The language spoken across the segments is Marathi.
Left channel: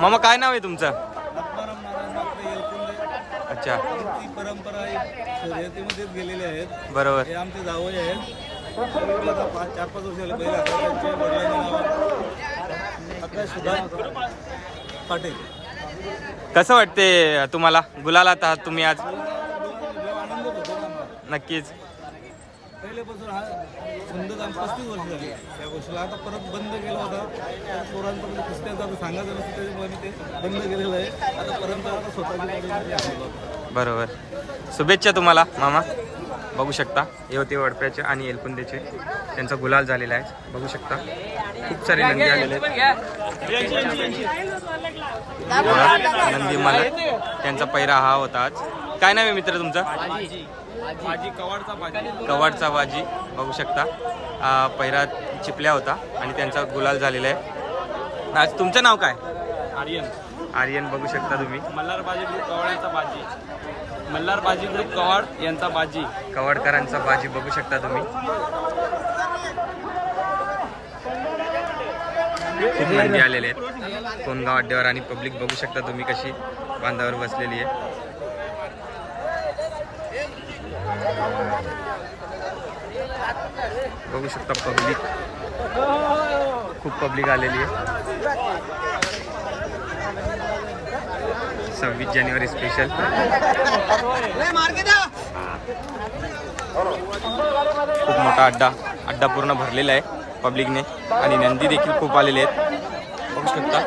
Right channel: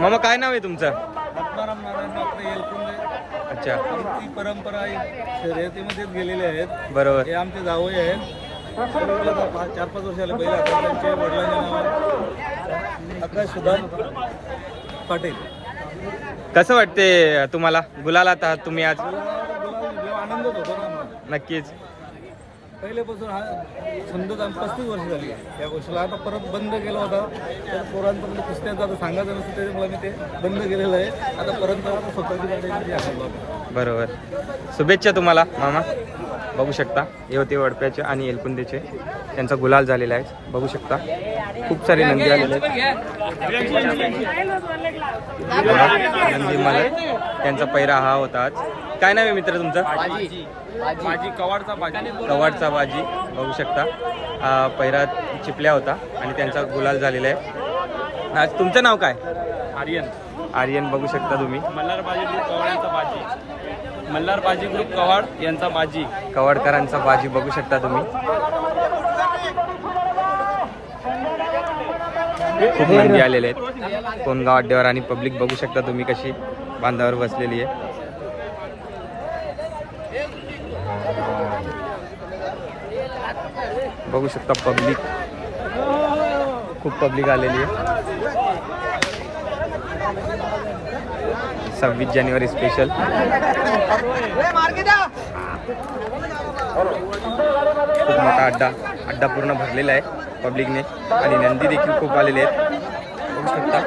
मामा काय नाव आहे तुमचं? आत्माराम नारायण डॉक्टर येलकुंडे. अच्छा, आमची परंपरा शर्यतीमध्येच गेलेले आहेत. बरोबर. हे आमचे जावई आहेत. 4-5 वर्षाला पहिले आता त्यांचे वडिलांचे नाव आकाश सुदाम पाटील. कसं वाटते तुम्हाला गुलालात आहात तुम्ही आज? गुलाल आनंदच होतो ना आम्हाला. नक्कीच. पहिल्यापासून हा छंदच आम्ही 35 वर्ष झाली या गोष्टीला. आता परत बंद केला होता तर पोरांचं म्हणजे कुस्त्यांचं आता सांगायचं नसतं, त्याच्यामुळे मी ते बंद केलेलं आहे. आता परंपरा आता स्वतःची गाडी आखलो. बरोबर. शुभेच्छा तुम्हाला मामा. बघू शकता हे होते वडप्याचे आणि एलकुंदेचे, त्यांचा गुलाल झालेला आहे. बघू शकता खूप सारे नंदी आलेले आहेत. नंदी मालक त्यांचा पैरा हा होता आज. काय नाव आहे मित्र तुमचं? बाजी कवाडचा बाजी. कवाडचा बाजी. बघू शकता पैरा चिपल्या होता आणि त्यांचा गुलाल झालेला आहे. आज तुमचं नाव काय? आर्यन. आर्यन. बघू शकता तुम्ही मल्हार बाजी ग्रुप कवाड यांचा बाजी. मल्हार बाजी ग्रुप कवाड यांचा बाजी. कवाडकरांचा बाजी. बघू शकता तुम्ही खूप नंदी आलेले आहेत. कोणगाव अड्ड्यावर आणि पब्लिक बघू शकता तुम्ही कशी बांधावर बसलेली आहे. बघू शकता पब्लिक, खूप पब्लिक आलेली आहे. 26 जानेवारी स्पेशल. खूप मोठा अड्डा पूर्ण भरलेला आहे पब्लिकने आणि नंदी देखील खूप आलेले आहेत. बघू शकता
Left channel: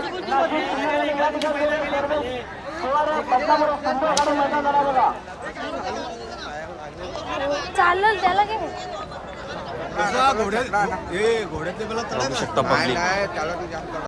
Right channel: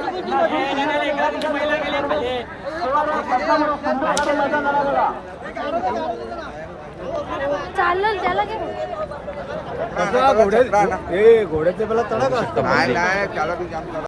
घोड्याचे बघू शकता पब्लिक.